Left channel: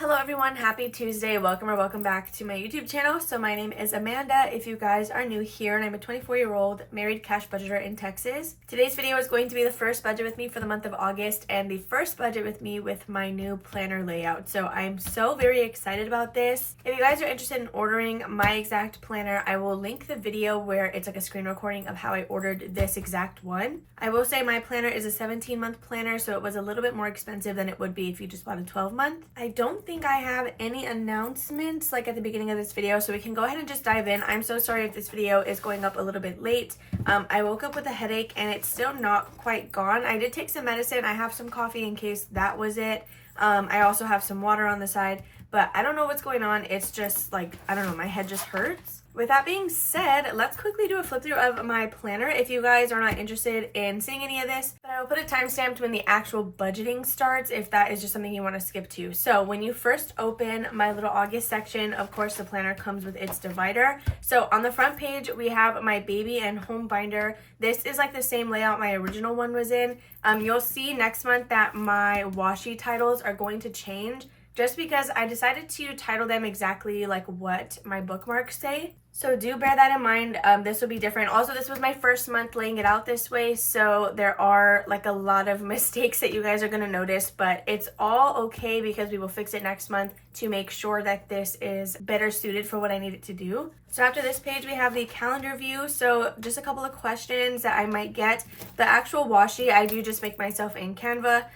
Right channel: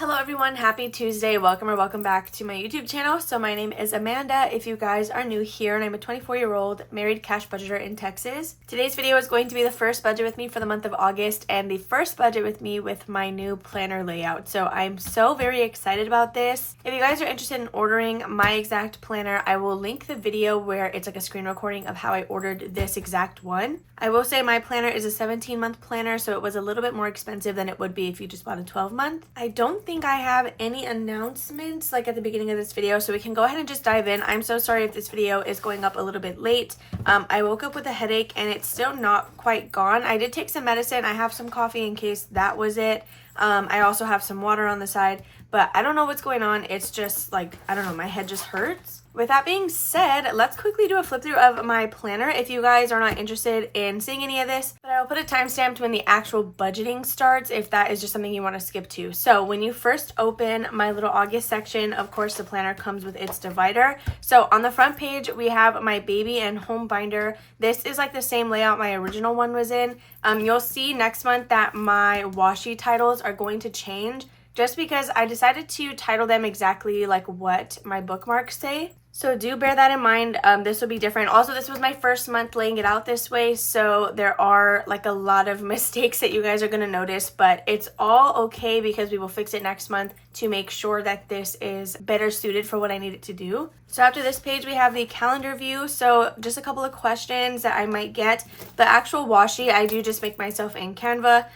Hello everyone, happy Tuesday. Welcome back to my YouTube channel. So my name is Amanda if you guys are new here, and I'm a 24-year-old married cash budgeter in Texas. Today's video is going to be the first budget with me for the month of August and the first budget with me with my new planner layout. So I'm so very excited about this. If you guys are interested in ordering my exact planner, I will link the video where it's like a screen recording of how I ordered this exact one. I will say my planner is a 17-month planner, so it was a little bit more expensive than it would be if you just bought a 12-month. I don't think I have any announcements like at the beginning of this video, so we can go ahead and just dive in. I'm so sorry if this video is going up a little bit late. I woke up with a headache and it's still not quite gone. I did take some medicine. I have some coffee in case that was it. I also have some water on the side, but I don't know what's going on. It's just like, I don't know, my head just hurts. With that being said, let's quickly do a flip through of my planner if you guys are not interested in seeing any of this, but I'll put a timestamp to when the actual budgeting starts if that is just something you want to skip to. So when you first open my little August section, of course the planner comes with its divider. So on the front page we have my baby and home binder. This is like the same layout my original one was in. You'll see next month that my washi titles are going to change, just because I decided to title them exactly like what my bookmarks say. So do bear that in mind. This will be different. Also, this was my first month laying it out this way, so there are like a lot of mistakes that you guys are going to notice, but it's all okay because we will fix it next month to make sure that this is better suited for what I need it to do. So after this page, we have the calendar view. So just a couple of questions that I might get. The actual washi, I do just make myself in Canva.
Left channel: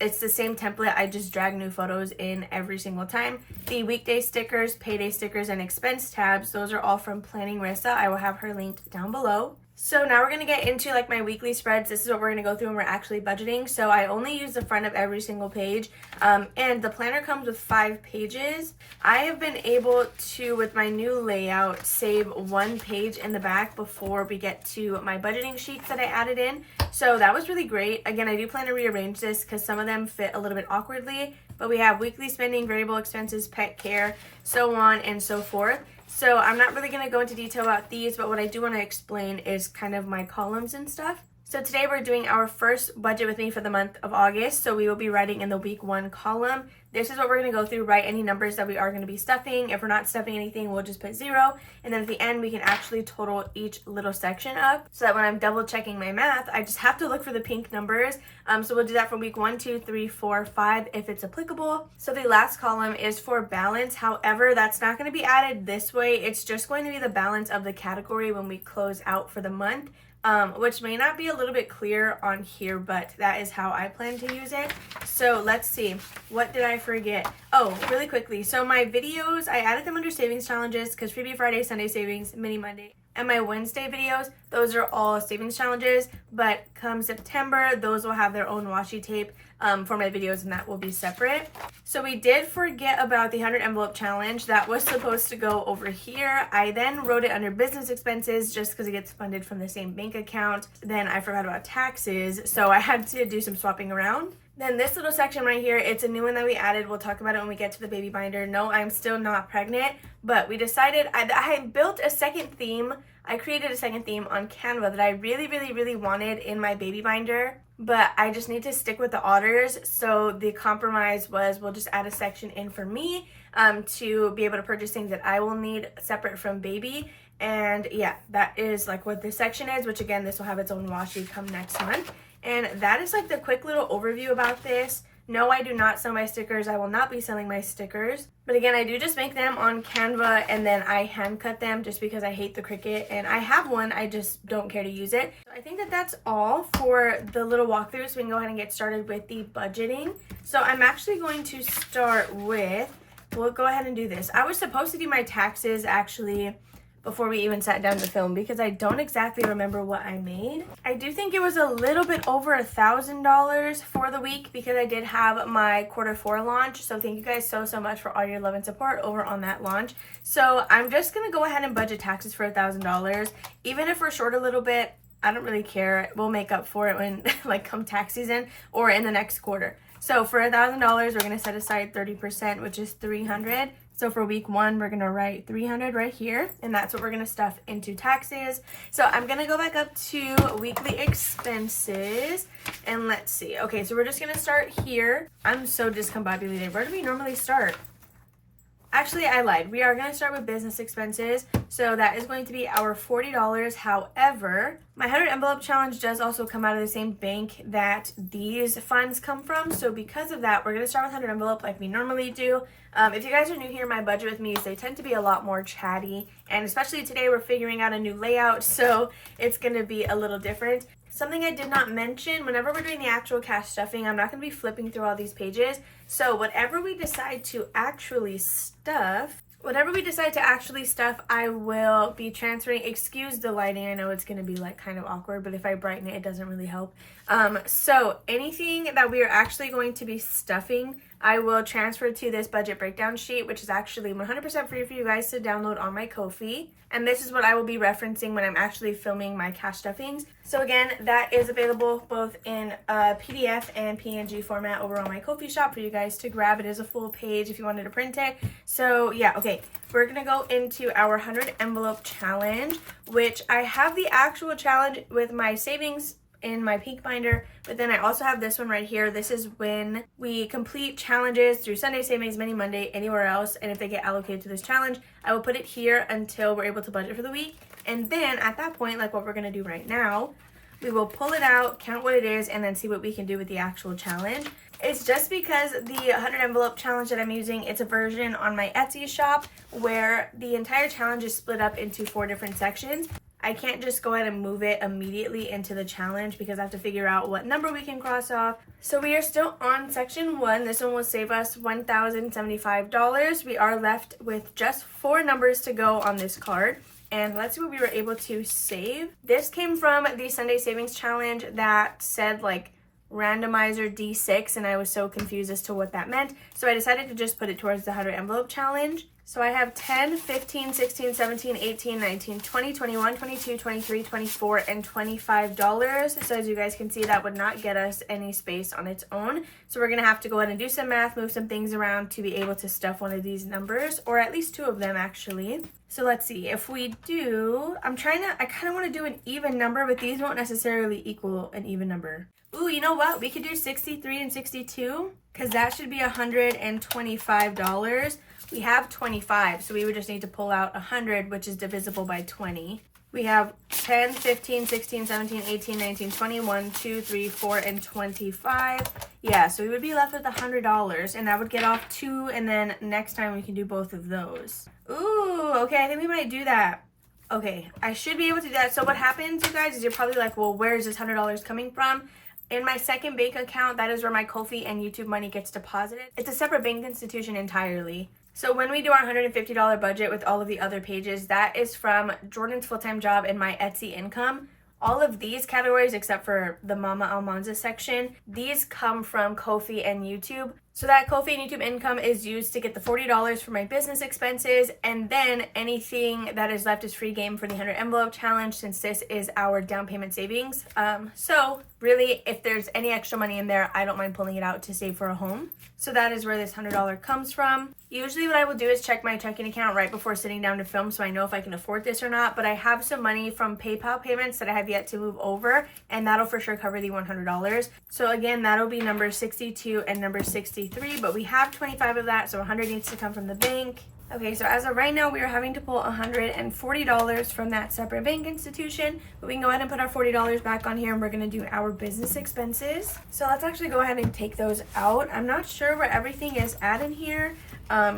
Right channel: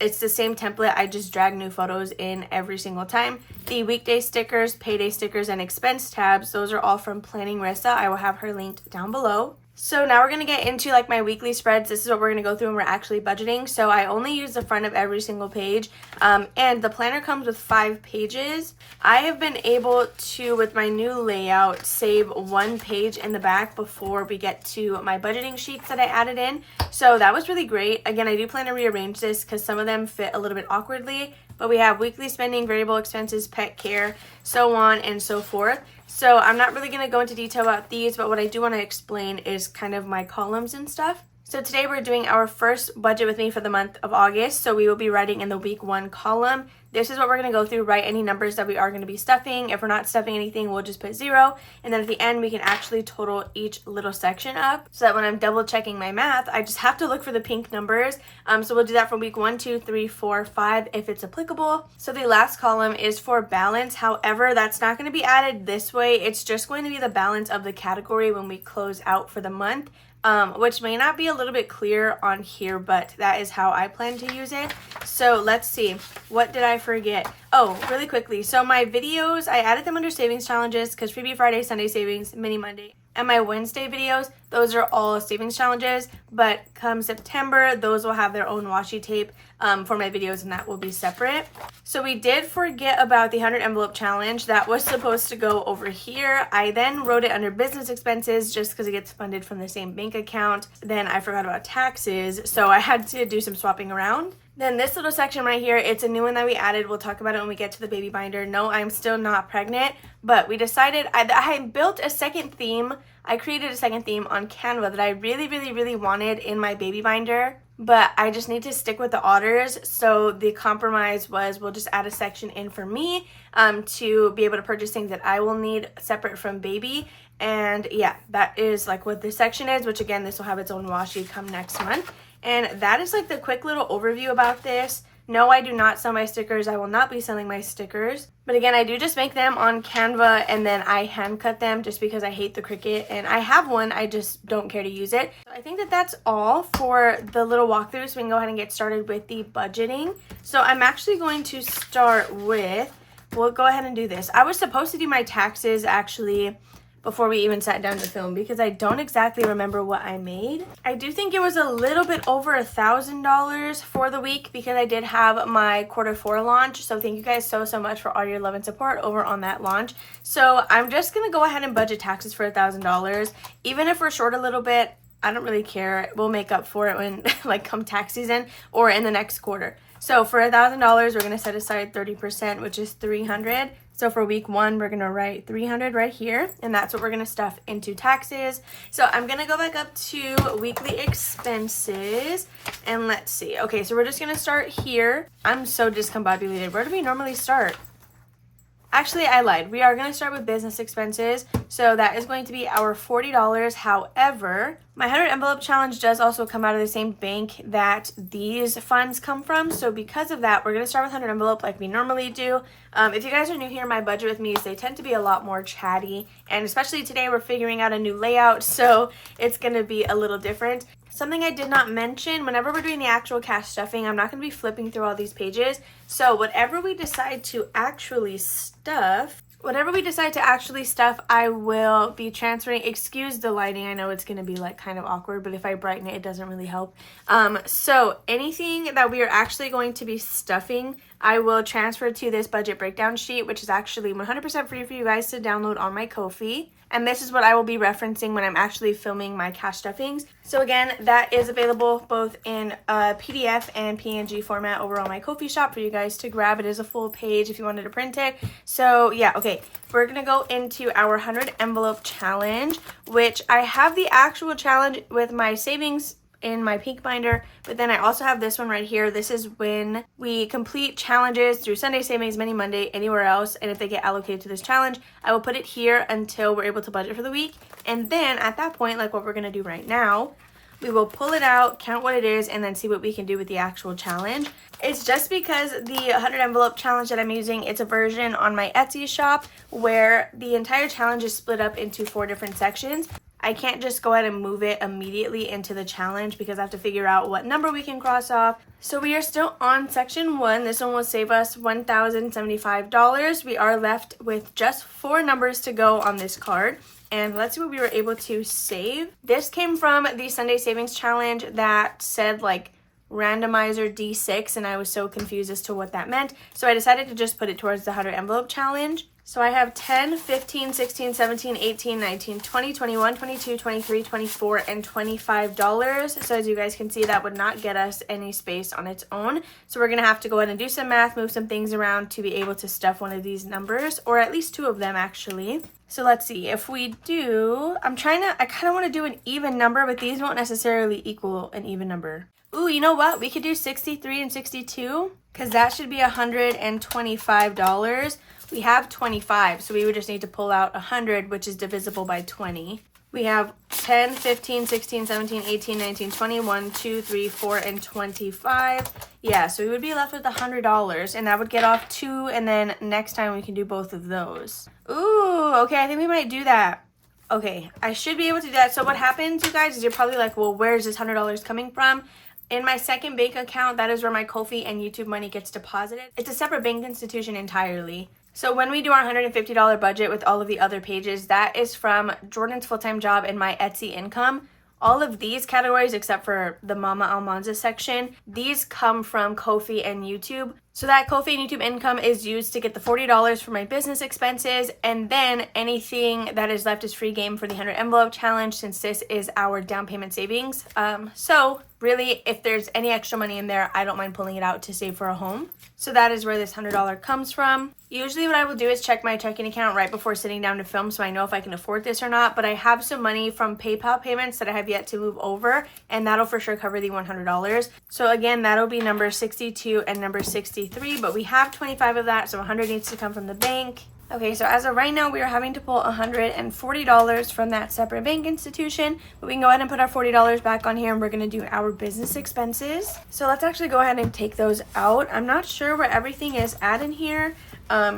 It's the same template. I just drag new photos in every single time. The weekday stickers, payday stickers, and expense tabs, those are all from Planning Rissa. I will have her linked down below. So now we're going to get into like my weekly spreads. This is what we're going to go through when we're actually budgeting. So I only use the front of every single page, and the planner comes with 5 pages. I have been able to, with my new layout, save 1 page in the back before we get to my budgeting sheets that I added in. So that was really great. Again, I do plan to rearrange this because some of them fit a little bit awkwardly, but we have weekly spending, variable expenses, pet care, so on and so forth. So I'm not really going to go into detail about these, but what I do want to explain is kind of my columns and stuff. So today we're doing our first budget with me for the month of August. So we will be writing in the week 1 column. This is what we're going to go through, write any numbers that we are going to be stuffing. If we're not stuffing anything, we'll just put 0. And then at the end, we can actually total each little section up so that when I'm double checking my math, I just have to look for the pink numbers. So we'll do that for week 1, 2, 3, 4, 5 if it's applicable. So the last column is for balance. However, that's not going to be added this way. It's just going to be the balance of the category when we close out for the month. Which may not be a little bit clear on here, but that is how I plan to use it. So let's see, what did I forget? Oh, really quickly. So my videos, I added them under savings challenges because Freebie Friday, Sunday savings, Mini Monday, and my Wednesday videos, those are all savings challenges, but come September, those will have their own washi tape for my videos, and that will be separate. So we did forget about the 100 envelope challenge. That was supposed to go over here. I then wrote it under business expenses just because it gets funded from the same bank account. Then I forgot about taxes, so I had to do some swapping around. Then this little section right here, it's a new one that we added. We'll talk about it when we get to the baby binder. No, I'm still not pregnant, but we decided, I built a second theme. I created a second theme on Canva that I really wanted in my baby binder, but I just need to stick with the otters. So the compromise was we'll just add a section in for me to be able to purchase things that I will need separate from baby. And yeah, that is like what this section is, which again, this will have its own washi come next month. And that is like the quick little overview about this. No, I do not sell my stickers. I will not be selling my stickers. But again, I do just make them on Canva and then I hand cut them just because I hate the Cricut. And I have one, I just don't care to use it. So I think that that's all for the little walkthrough. So we can go ahead and get started with the budgeting. So I'm actually going to start with, we'll go ahead and do this. I was supposed to do my taxes actually before we even sat down to film because I don't exactly remember what I made. I do think it was a little bit over $1,000 for the week because I did have my Q4 launch. So thank you guys so much for all your love and support over on that launch. So I'm just gonna go ahead and budget taxes for $1,000. Even if we're short a little bit, I don't really care. We'll make up for it when like come tax season or in the next quarter. So for $1,000, we're gonna set aside 30%, which is $300. So for week 1, we're gonna write $300 right here, and that's what we're gonna stuff into taxes. So I'm gonna go back up to weekly expenses, and let's see. Okay, so we're just gonna start here. I'm so discombobulated. Where do we normally start? Actually, I lied. We are going to start with business expenses. So that is going to be our $40. However, my 100 envelope challenge does also come out of the same bank that these funds come from. So because of that, we're going to start with 100 envelope like we normally do. If you guys are new here, my budget with me's, they tend to be a lot more chatty. And especially today, we're figuring out a new layout. So it's going to be a little different. Something I did not mention, whenever we're doing the actual cash stuffing, I'm not going to be flipping through all these pages. So whatever we decide to actually stuff, I will be transferring. Excuse the lighting. I know it's going to be like kind of awkward, but if I brighten it, it doesn't really help. So anything that we are actually going to be stuffing, I will transfer to this budget breakdown sheet, which is actually 100% free for you guys to download on my Ko-fi. And this is what I will be referencing when I'm actually filming my cash stuffings. So again, that is available both in PDF and PNG format over on my Ko-fi shop for you guys to grab. It is a full page if you wanted to print it. So yeah, okay, we're gonna go into our 100 envelope challenge, which I have the actual challenge with my savings in my pink binder, but then I also have this one right here. This is when we complete challenges through Sunday Savings, Mini Monday, anywhere else, and if they get allocated to this challenge, I will put it here until we're able to budget for the week. And then at that point, like what we're gonna do right now, we will pull it out, count what it is, and then see what we can do with the actual challenge. It's just because the 100 envelope challenge that I'm using, it's a version on my Etsy shop where the entire challenge is split up into 4 different sections. I can't just go ahead and move it immediately into the challenge because I have to figure out what number we can cross off. So we are still on section 1. This one will save us $1,075. We are left with just 4 numbers to go on this card. And let's see what we were able to save. This came from the Sunday Savings Challenge that said like randomizer D6, and I was so confused as to what that meant. So I decided to just put it towards the 100 envelope challenge. So I have 10, 15, 16, 17, 18, 19, 20, 21, 22, 23, 24, and $25. So as you guys can see, that would not get us any space on its own. So we're going to have to go ahead and do some math, move some things around to be able to stuff one of these numbers, or at least 2 of them actually. So let's see, if we do, I kind of want to do an even number, but these won't necessarily equal an even number. Ooh, you know what? We could do 63 and 62 because that should be $125. We have 25, so we would just need to pull out 100, which is divisible by 20. We have 10, 15, 16, 17, 18, 19, 20, 1, 2, 3, 4, and 25. Yeah, so we would be left with $100, and that would get off 2, and then next time we can do both of those. Ooh, okay, I think we might do that. Okay, I should be able to do that. So what happens, you guys, is you're probably like, well, where is this $100 coming from? In my second bank account, that is where my Ko-fi and YouTube money gets deposited. It's a separate bank institution entirely. So when we do our $150 budget with all of the other pages, that is from Jordan's full-time job and my Etsy income. All of these categories, except for the Mama Almanza section, these come from Ko-fi and YouTube. So that Ko-fi and YouTube income is used to get the $40 for my business expenses, and then anything that is left is free game for the 100 envelope challenge, since this is our down payment savings. So really, if there's any extra money in there, I don't mind pulling it out to save for a home. So that is where this $100 comes from. Usually what I will do is check my checking account right before sitting down to film so I know if I can afford this or not, but I have some money from PayPal payments that I have yet to move over, and that'll for sure cover the $100. So again, that'll be number 62 and number 63, but we have 25 of that, so 100 needs to come from the bank. Okay, so as of right now, we are having to pull $140 from that separate bank institution, but we can go ahead and put our $40 back on here, and we're going to do our business expenses. So let's actually go ahead and take those out. I'm not sure where everything is at in here,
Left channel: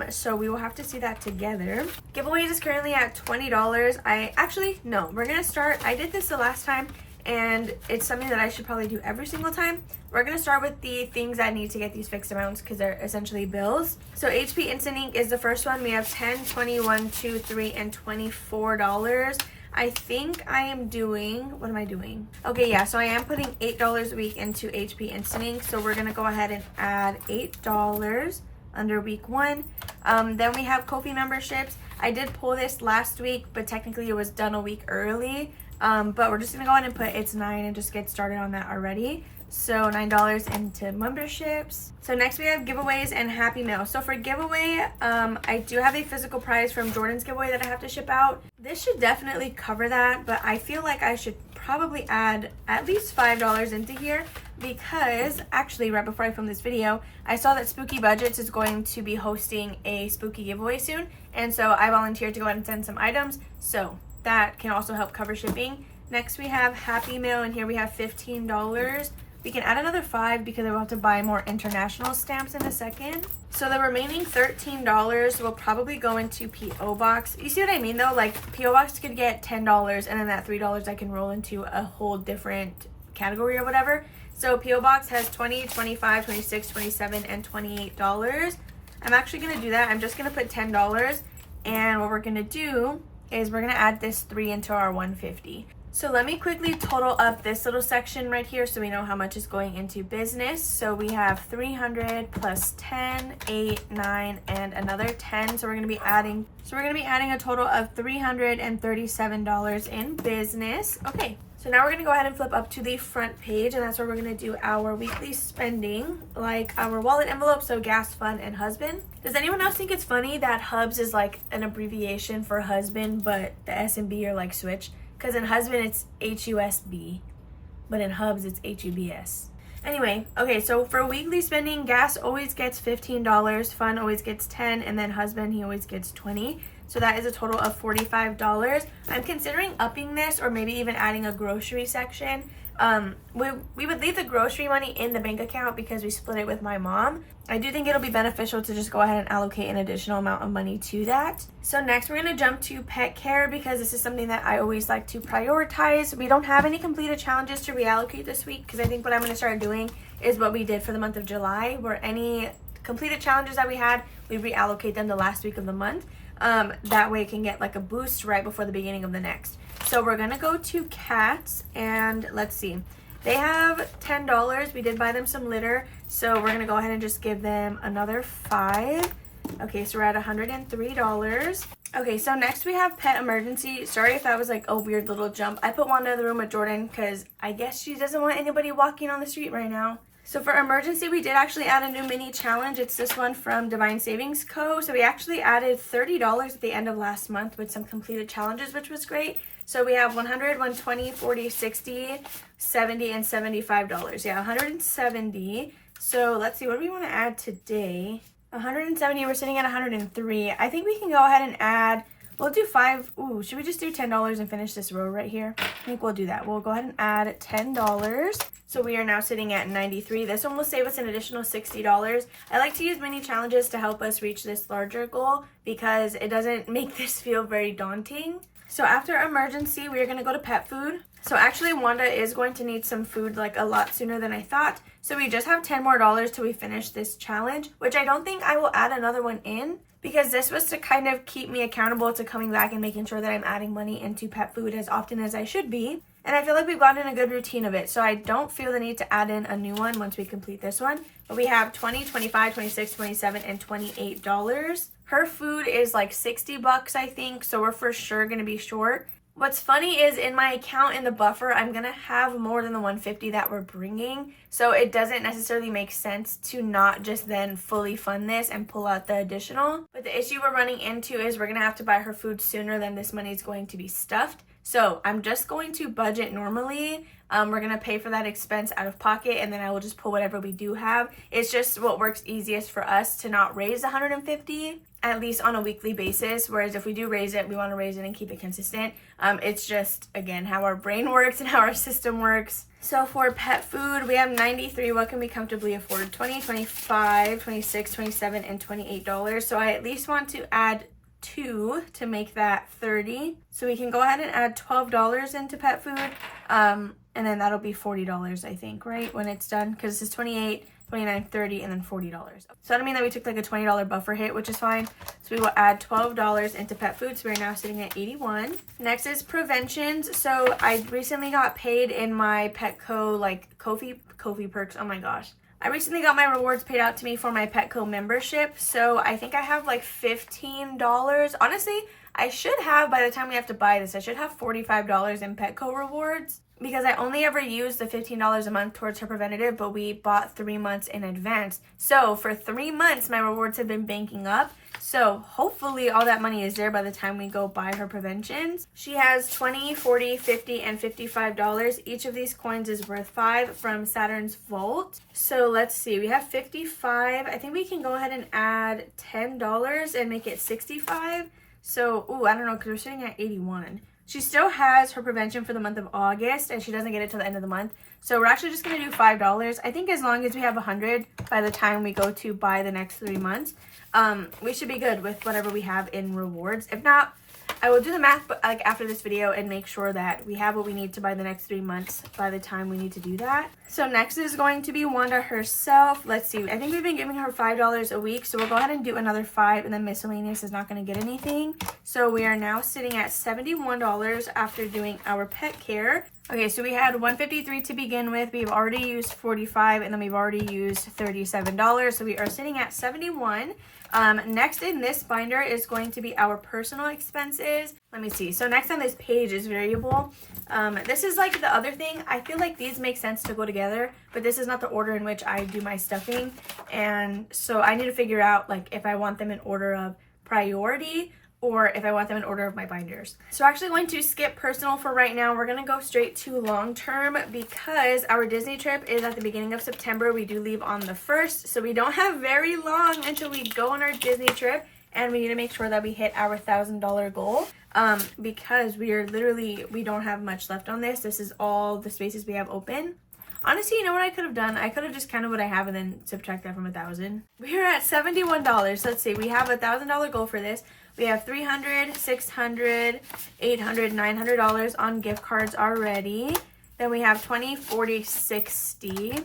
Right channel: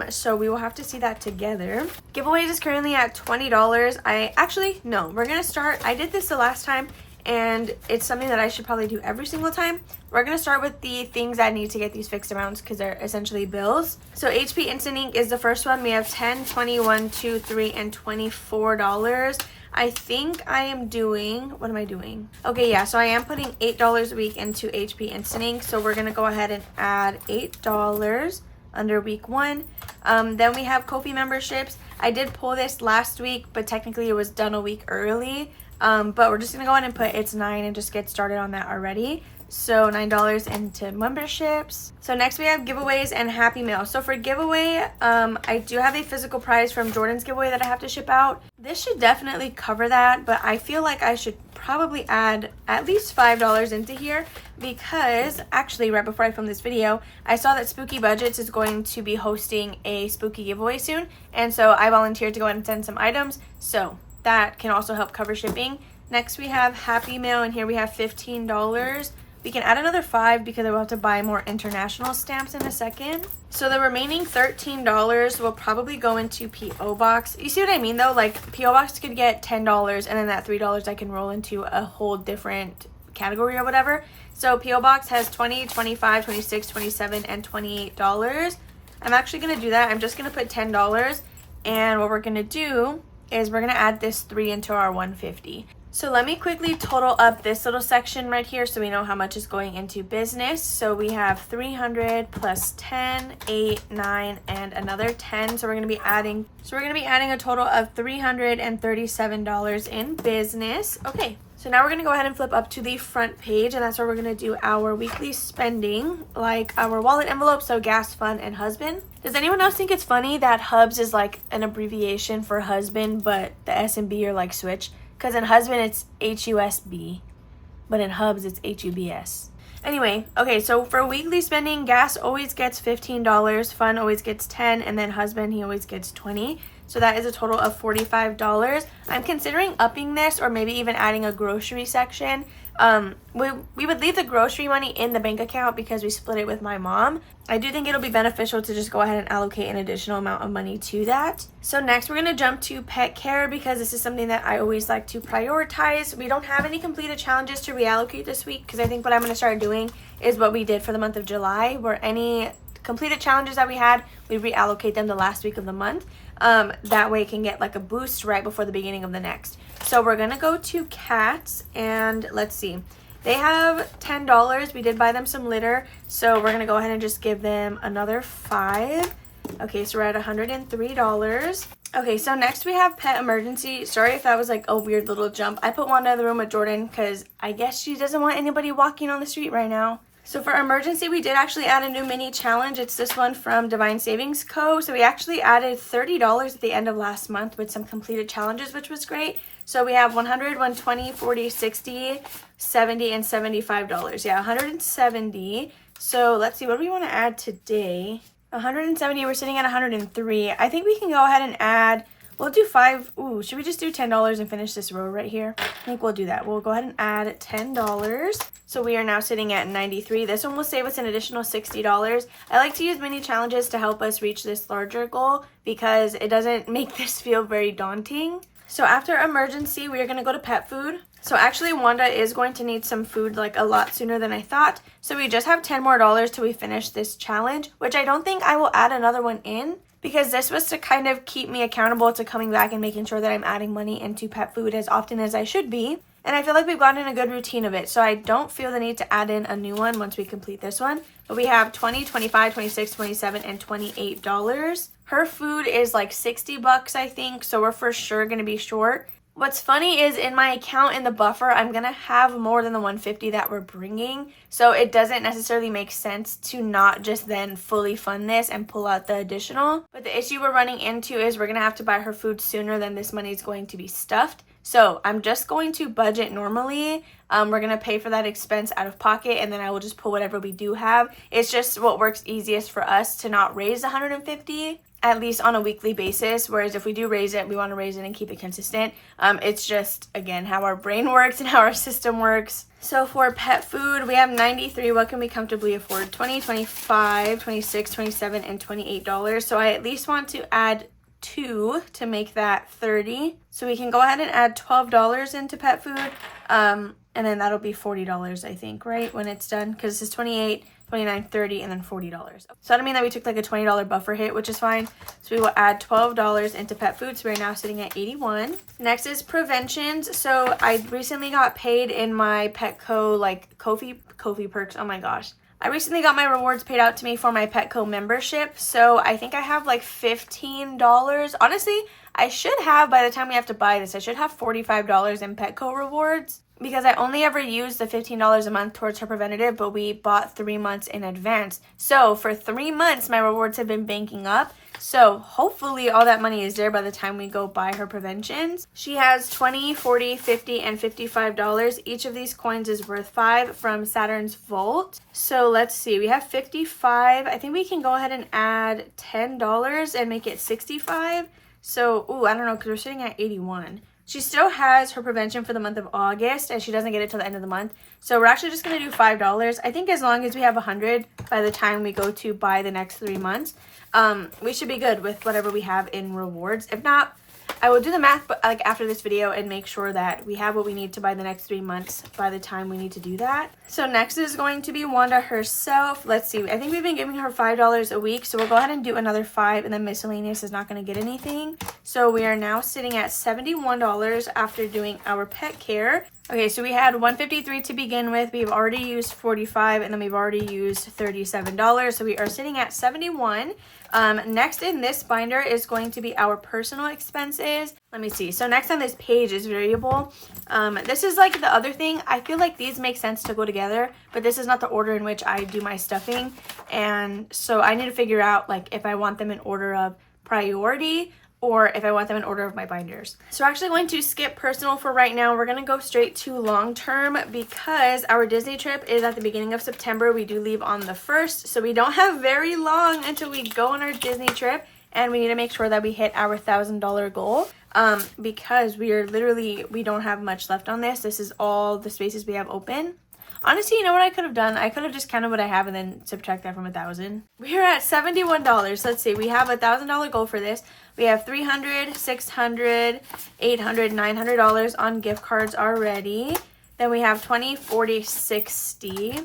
so we will have to see that together. Giveaways is currently at $20. We're going to start. I did this the last time, and it's something that I should probably do every single time. We're going to start with the things that need to get these fixed amounts because they're essentially bills. So HP Instant Ink is the first one. We have $10, $21, $2, $3, and $24. I think I am doing, what am I doing? Okay, yeah, so I am putting $8 a week into HP Instant Ink. So we're going to go ahead and add $8 under week 1. Then we have Ko-fi memberships. I did pull this last week, but technically it was done a week early. But we're just going to go ahead and put it's 9 and just get started on that already. So $9 into memberships. So next we have giveaways and Happy Mail. So for giveaway, I do have a physical prize from Jordan's giveaway that I have to ship out. This should definitely cover that, but I feel like I should probably add at least $5 into here because actually right before I filmed this video, I saw that Spooky Budgets is going to be hosting a spooky giveaway soon. And so I volunteered to go ahead and send some items. So that can also help cover shipping. Next we have Happy Mail, and here we have $15. We can add another $5 because I will have to buy more international stamps in a second. So the remaining $13 will probably go into P.O. Box. You see what I mean though? Like P.O. Box could get $10 and then that $3 I can roll into a whole different category or whatever. So P.O. Box has $20, $25, $26, $27, and $28. I'm actually going to do that. I'm just going to put $10. And what we're going to do is we're going to add this 3 into our $150. So let me quickly total up this little section right here so we know how much is going into business. So we have 300 plus 10, 8, 9, and another 10. So we're going to be adding a total of $337 in business. Okay. So now we're going to go ahead and flip up to the front page, and that's where we're going to do our weekly spending, like our wallet envelope, so gas, fun, and husband. Does anyone else think it's funny that hubs is like an abbreviation for husband, but the S and B are like switch? Because in husband, it's HUSB, but in hubs, it's HUBS. Anyway, okay, so for weekly spending, gas always gets $15, fun always gets $10, and then husband, he always gets $20. So that is a total of $45. I'm considering upping this or maybe even adding a grocery section. We would leave the grocery money in the bank account because we split it with my mom. I do think it'll be beneficial to just go ahead and allocate an additional amount of money to that. So next we're going to jump to pet care because this is something that I always like to prioritize. We don't have any completed challenges to reallocate this week because I think what I'm going to start doing is what we did for the month of July, where any completed challenges that we had, we reallocate them the last week of the month. That way it can get like a boost right before the beginning of the next. So we're going to go to cats, and let's see. They have $10. We did buy them some litter. So we're going to go ahead and just give them another $5. Okay, so we're at $103. Okay, so next we have pet emergency. Sorry if that was like a weird little jump. I put Wanda in the room with Jordan because I guess she doesn't want anybody walking on the street right now. So for emergency, we did actually add a new mini challenge. It's this one from Divine Savings Co. So we actually added $30 at the end of last month with some completed challenges, which was great. So we have 100, 120, 40, 60, 70, and $75. Yeah, 170. So let's see, what do we want to add today? 170, we're sitting at 103. I think we can go ahead and add, we'll do 5. Ooh, should we just do $10 and finish this row right here? I think we'll do that. We'll go ahead and add $10. So we are now sitting at 93. This one will save us an additional $60. I like to use mini challenges to help us reach this larger goal because it doesn't make this feel very daunting. So after emergency, we are going to go to pet food. So actually, Wanda is going to need some food like a lot sooner than I thought. So we just have $10 more till we finish this challenge, which I don't think I will add another one in because this was to kind of keep me accountable to coming back and making sure that I'm adding money into pet food as often as I should be. And I feel like we've gotten a good routine of it. So I don't feel the need to add in a new one once we complete this one. But we have $20, $25, $26, $27, and $28. Her food is like $60, I think. So we're for sure going to be short. What's funny is in my account in the buffer, I'm going to have more than the $150 that we're bringing. So it doesn't necessarily make sense to not just then fully fund this and pull out the additional. But the issue we're running into is we're going to have to buy her food sooner than this money is going to be stuffed. So I'm just going to budget normally. We're going to pay for that expense out of pocket, and then I will just pull whatever we do have. It's just what works easiest for us to not raise $150, at least on a weekly basis. Whereas if we do raise it, we want to raise it and keep it consistent. It's just, again, how our brain works and how our system works. So for pet food, we have 93. What can we comfortably afford? 20, 25, 26, 27, and $28. So I at least want to add 2 to make that 30. So we can go ahead and add $12 into pet food. And then that'll be $40, I think, right? When it's done, because it's 28, 29, 30, and then $40. So that'll mean that we took like a $20 buffer hit, which is fine. So we will add $12 into pet food. So we're now sitting at 81. Next is preventions. So I recently got paid in my Petco, like Kofi perks. Oh my gosh. I recently got my rewards paid out to me for my Petco membership. So I think I have like $15. Honestly, I should have, by the time we have to buy this, I should have $45 in Petco rewards. because I only ever used the $15 a month towards her preventative, but we bought 3 months in advance. So for 3 months, my rewards have been banking up. So hopefully all that money is there by the time we go buy her preventions. She has $20, $40, $50, and $55. Each of these coins is worth 5 from Saturn's Vault. So let's see, we have 55. I think we can go ahead and add $10 and make it 65. So, I don't know, because we're sitting at 81. She still has her prevention for the month of August, and she doesn't get it till the end of the month. So we're actually just going to do $5. I think as long as we have 100 by the time we go to buy the next 3 months, we should be good with whatever we have in rewards. If not, I will do the math like after this video and make sure that we have what we need to buy the next 3 months by the time we need to do that. So next is going to be Wanda herself. Let's see. I think we've been giving her $5 a week. So we'll go ahead and do another 5, and then miscellaneous is not going to get anything. So we are now sitting at $71 after doing our pet care. Okay, so we had $153 to begin with. We've already used $45, and then we've already used $37. So we are sitting at $71. Next in this binder is going to be our personal expenses. Let me see. So next on this page is variable. This is like the other thing. I feel like these make sense to go together, but this is not the order in which I do my stuffing. And so I need to figure out like if I want them in order of priority or if I want them in order of my binders. So we're actually going to skip personal for right now. We're going to go straight to long term because our Disney trip is at the beginning of September. We do leave on the 1st, so we don't have very long until we go on our Disney trip, and we need to make sure that we hit our $1,000 goal because we don't have much left on this. This is all the spaces we have open. Honestly, you know what I could have done? I could have just counted what I have and then subtract that from 1,000. We're at $71. Let's see. We have a $1,000 goal for this. We have $300, $600, $800, $900 on gift cards already. Then we have $20, $40, $60,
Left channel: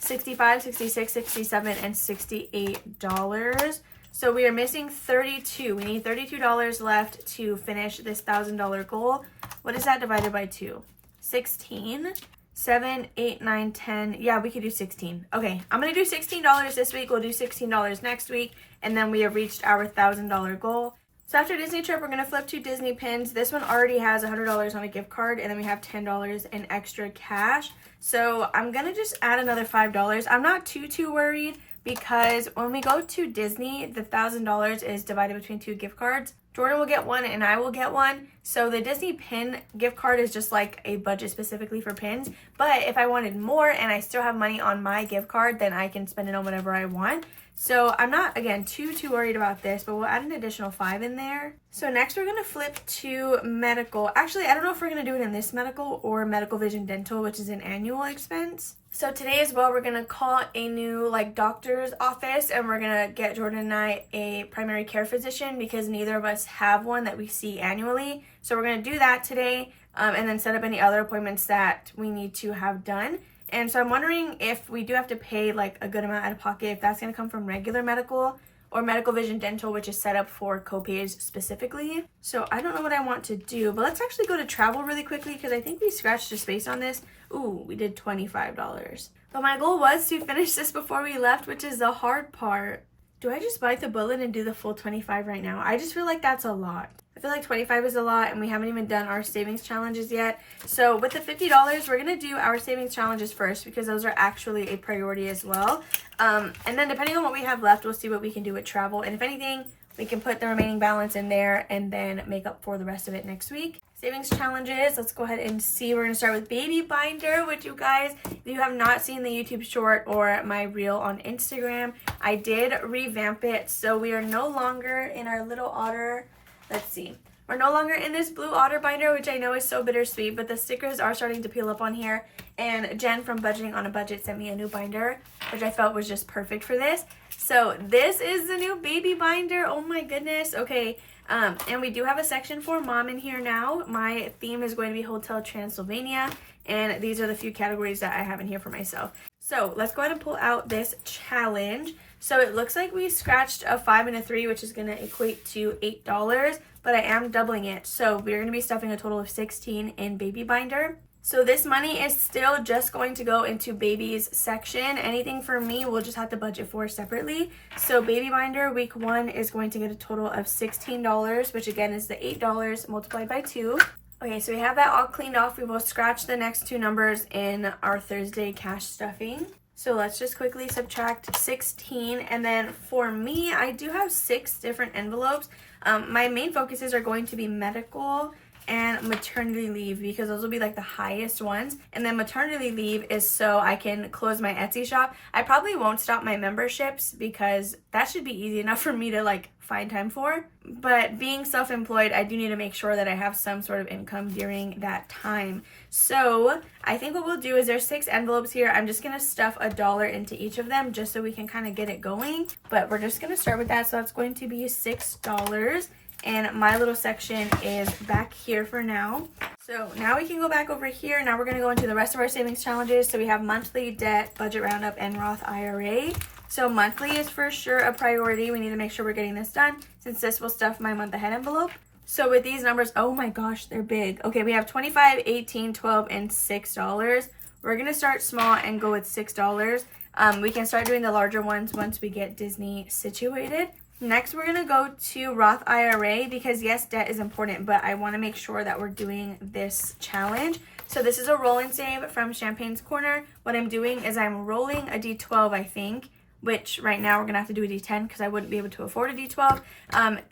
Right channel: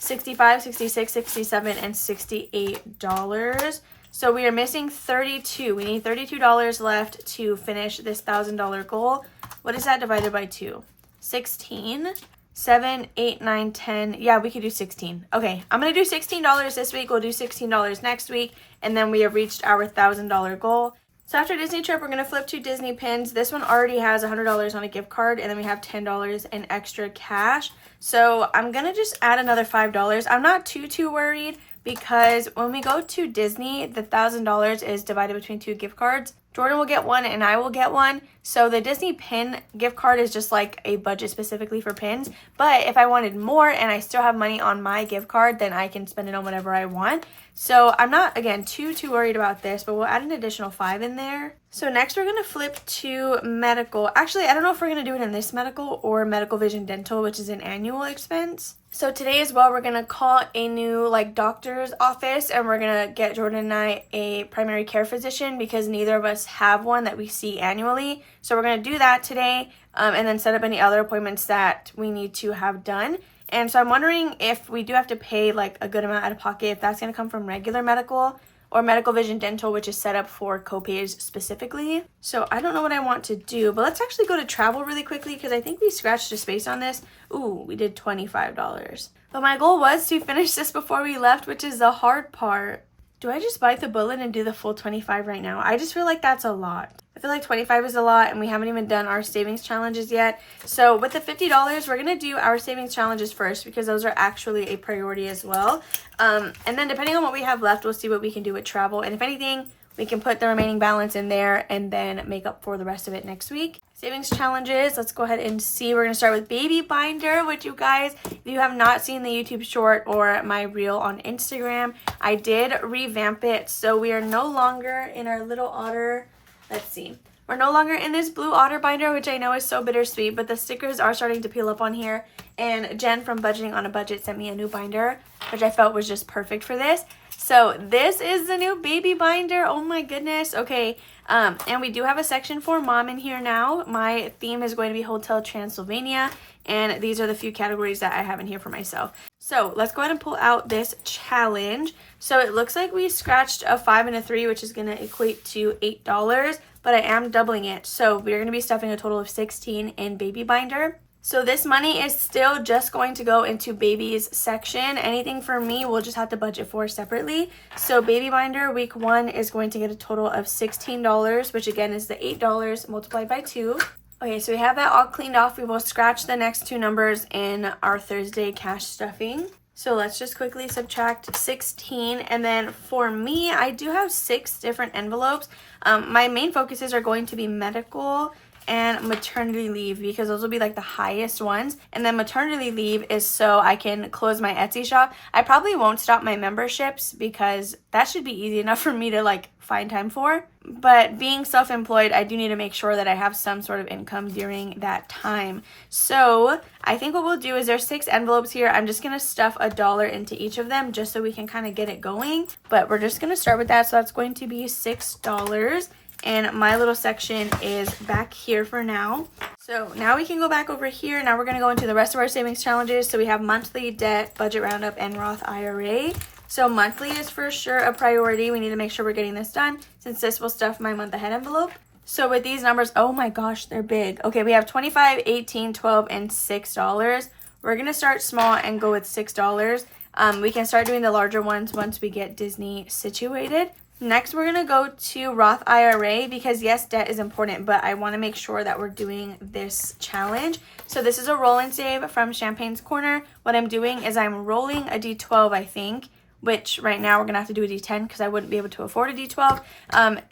$65, $66, $67, and $68. So we are missing $32. We need $32 left to finish this $1,000 goal. What is that divided by 2? 16. 7, 8, 9, 10. Yeah, we could do 16. Okay, I'm going to do $16 this week. We'll do $16 next week. And then we have reached our $1,000 goal. So after Disney trip, we're going to flip to Disney pins. This one already has $100 on a gift card. And then we have $10 in extra cash. So I'm going to just add another $5. I'm not too worried because when we go to Disney, the $1,000 is divided between 2 gift cards. Jordan will get one and I will get one. So the Disney pin gift card is just like a budget specifically for pins. But if I wanted more and I still have money on my gift card, then I can spend it on whatever I want. So I'm not, again, too worried about this, but we'll add an additional 5 in there. So next we're going to flip to medical. Actually, I don't know if we're going to do it in this medical or medical vision dental, which is an annual expense. So today as well, we're going to call a new doctor's office and we're going to get Jordan and I a primary care physician because neither of us have one that we see annually. So we're going to do that today and then set up any other appointments that we need to have done. And so I'm wondering if we do have to pay a good amount out of pocket, if that's going to come from regular medical or medical vision dental, which is set up for copays specifically. So I don't know what I want to do, but let's actually go to travel really quickly because I think we scratched a space on this. Ooh, we did $25. But my goal was to finish this before we left, which is the hard part. Do I just bite the bullet and do the full 25 right now? I just feel like that's a lot. I feel like 25 is a lot and we haven't even done our savings challenges yet. So with the $50, we're going to do our savings challenges first because those are actually a priority as well. And then depending on what we have left, we'll see what we can do with travel. And if anything, we can put the remaining balance in there and then make up for the rest of it next week. Savings challenges, let's go ahead and see. We're going to start with baby binder, which you guys, if you have not seen the YouTube short or my reel on Instagram, I did revamp it. So we are no longer in our little otter. Let's see. We're no longer in this blue otter binder, which I know is so bittersweet, but the stickers are starting to peel up on here. And Jen from Budgeting on a Budget sent me a new binder, which I felt was just perfect for this. So this is the new baby binder. Oh my goodness. Okay. And we do have a section for mom in here now. My theme is going to be Hotel Transylvania. And these are the few categories that I have in here for myself. So let's go ahead and pull out this challenge. So it looks like we scratched a 5 and a 3, which is going to equate to $8, but I am doubling it. So we're going to be stuffing a total of 16 in baby binder. So this money is still just going to go into babies section. Anything for me, we'll just have to budget for separately. So baby binder week 1 is going to get a total of $16, which again is the $8 multiplied by 2. Okay, so we have that all cleaned off. We will scratch the next two numbers in our Thursday cash stuffing. So let's just quickly subtract 16. And then for me, I do have 6 different envelopes. My main focuses are going to be medical and maternity leave because those will be like the highest ones. And then maternity leave is so I can close my Etsy shop. I probably won't stop my memberships because that should be easy enough for me to like find time for. But being self-employed, I do need to make sure that I have some sort of income during that time. So I think what we'll do is there's 6 envelopes here. I'm just gonna stuff $1 into each of them just so we can kind of get it going. But we're just gonna start with that. So that's going to be $6. And my little section is back here for now. So now we can go back over here. Now we're going to go into the rest of our savings challenges. So we have monthly, debt, budget roundup, and Roth IRA. So monthly is for sure a priority. We need to make sure we're getting this done since this will stuff my month ahead envelope. So with these numbers, oh my gosh, they're big. Okay, we have $25, $18, $12, and $6. We're going to start small and go with $6. We can start doing the larger ones once we get Disney situated. Next, we're going to go to Roth IRA because yes, debt is important, but I want to make sure that we're doing this challenge. So this is a roll and save from Champagne's Corner. What I'm doing is I'm rolling a D12, I think, which right now we're going to have to do a D10 because I wouldn't be able to afford a D12.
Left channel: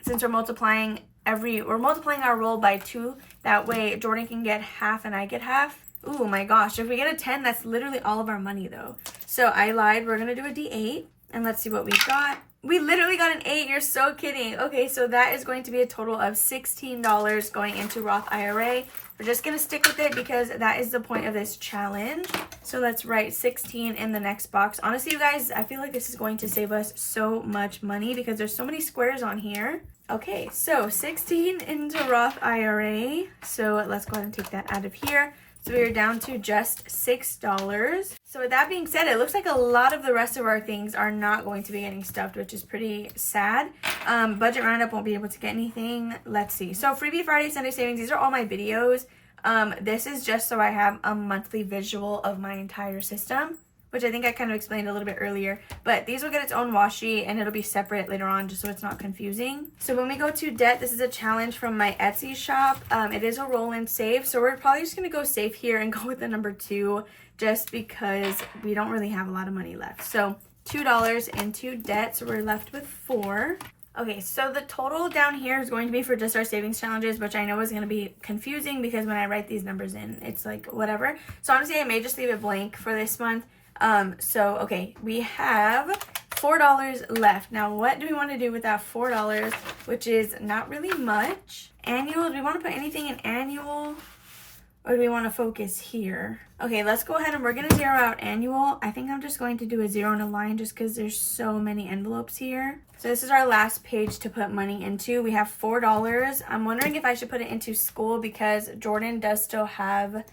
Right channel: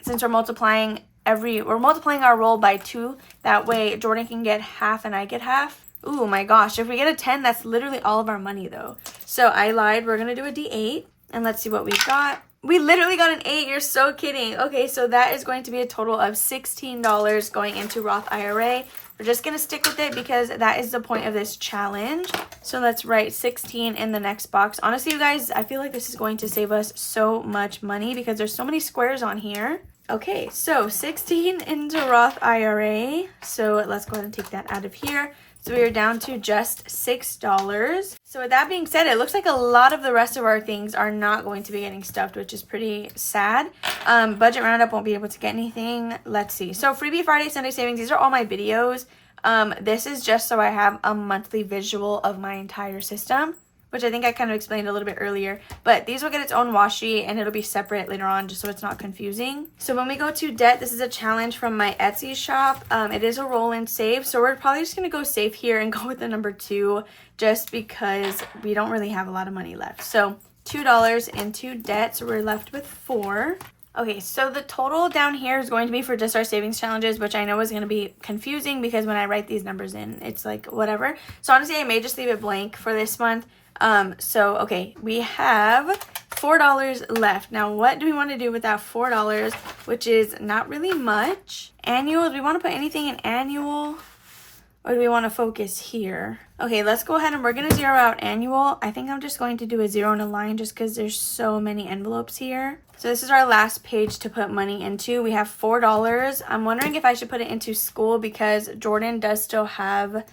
Since we're multiplying our roll by 2. That way Jordan can get half and I get half. Oh my gosh, if we get a 10, that's literally all of our money though. So I lied. We're going to do a D8 and let's see what we got. We literally got an 8. You're so kidding. Okay, so that is going to be a total of $16 going into Roth IRA. We're just going to stick with it because that is the point of this challenge. So let's write 16 in the next box. Honestly, you guys, I feel like this is going to save us so much money because there's so many squares on here. Okay, so 16 into Roth IRA. So let's go ahead and take that out of here. So we are down to just $6. So with that being said, it looks like a lot of the rest of our things are not going to be getting stuffed, which is pretty sad. Budget roundup won't be able to get anything. Let's see. So freebie Friday, Sunday savings. These are all my videos. This is just so I have a monthly visual of my entire system, which I think I kind of explained a little bit earlier. But these will get its own washi and it'll be separate later on just so it's not confusing. So when we go to debt, this is a challenge from my Etsy shop. It is a roll and save. So we're probably just going to go safe here and go with the number 2 just because we don't really have a lot of money left. So $2 into debt. So we're left with 4. Okay, so the total down here is going to be for just our savings challenges, which I know is going to be confusing because when I write these numbers in, it's like whatever. So honestly, I may just leave it blank for this month. Okay, we have $4 left. Now, what do we want to do with that $4, which is not really much? Annual, do we want to put anything in annual? Or do we want to focus here? Okay, let's go ahead and we're going to zero out annual. I think I'm just going to do a 0 and a line just because there's so many envelopes here. So this is our last page to put money into. We have $4. I'm wondering if I should put it into school because Jordan does still have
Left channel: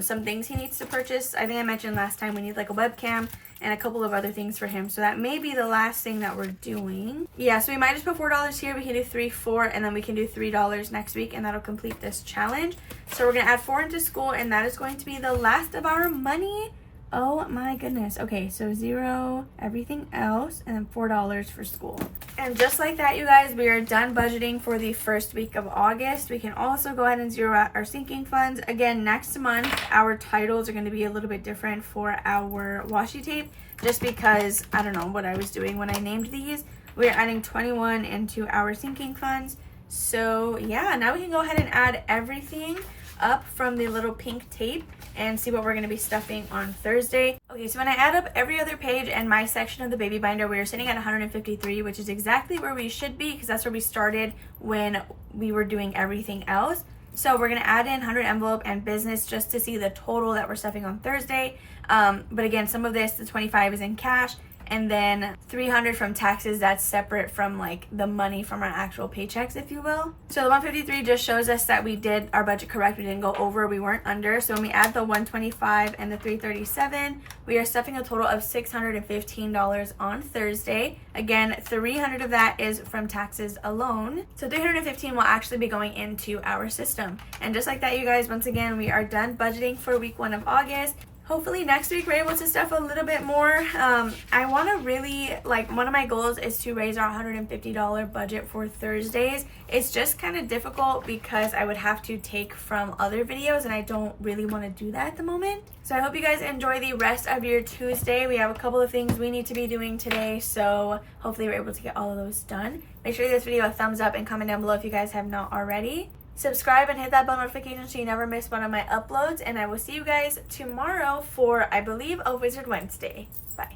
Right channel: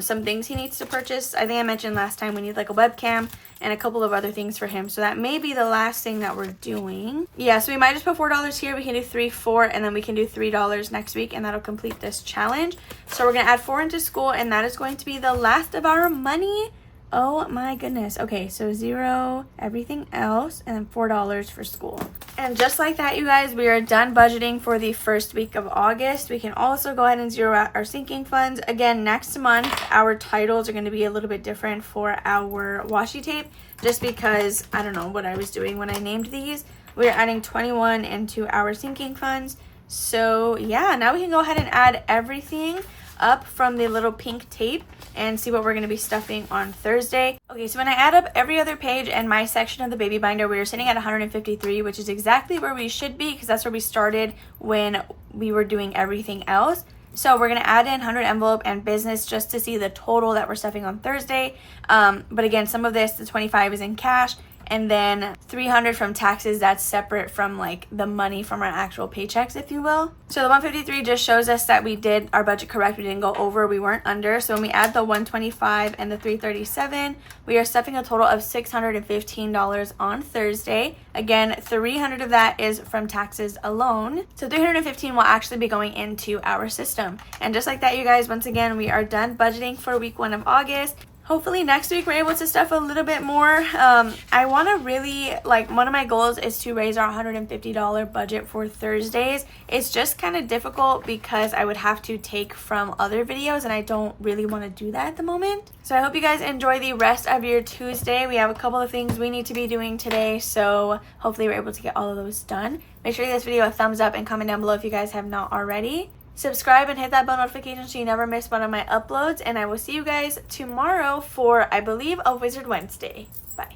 some things he needs to purchase. I think I mentioned last time we need like a webcam and a couple of other things for him. So that may be the last thing that we're doing. Yeah, so we might just put $4 here. We can do 3, 4, and then we can do $3 next week, and that'll complete this challenge. So we're going to add 4 into school, and that is going to be the last of our money. Oh my goodness. Okay, so 0, everything else, and then $4 for school. And just like that, you guys, we are done budgeting for the first week of August. We can also go ahead and zero out our sinking funds. Again, next month, our titles are going to be a little bit different for our washi tape, just because I don't know what I was doing when I named these. We're adding 21 into our sinking funds. So yeah, now we can go ahead and add everything up from the little pink tape and see what we're going to be stuffing on Thursday. Okay, so when I add up every other page and my section of the baby binder, we are sitting at 153, which is exactly where we should be because that's where we started when we were doing everything else. So we're going to add in 100 envelope and business just to see the total that we're stuffing on Thursday. But again, some of this, the 25 is in cash. And then 300 from taxes, that's separate from like the money from our actual paychecks, if you will. So the 153 just shows us that we did our budget correct. We didn't go over, we weren't under. So when we add the 125 and the 337, we are stuffing a total of $615 on Thursday. Again, 300 of that is from taxes alone. So 315 will actually be going into our system. And just like that, you guys, once again, we are done budgeting for week 1 of August. hopefully next week we're able to stuff a little bit more. I want to really, like, one of my goals is to raise our $150 budget for Thursdays. It's just kind of difficult because I would have to take from other videos and I don't really want to do that at the moment. So I hope you guys enjoy the rest of your Tuesday. We have a couple of things we need to be doing today, so hopefully we're able to get all of those done. Make sure you give this video a thumbs up and comment down below if you guys have not already. Subscribe and hit that bell notification so you never miss one of my uploads, and I will see you guys tomorrow for, I believe, a Wizard Wednesday. Bye.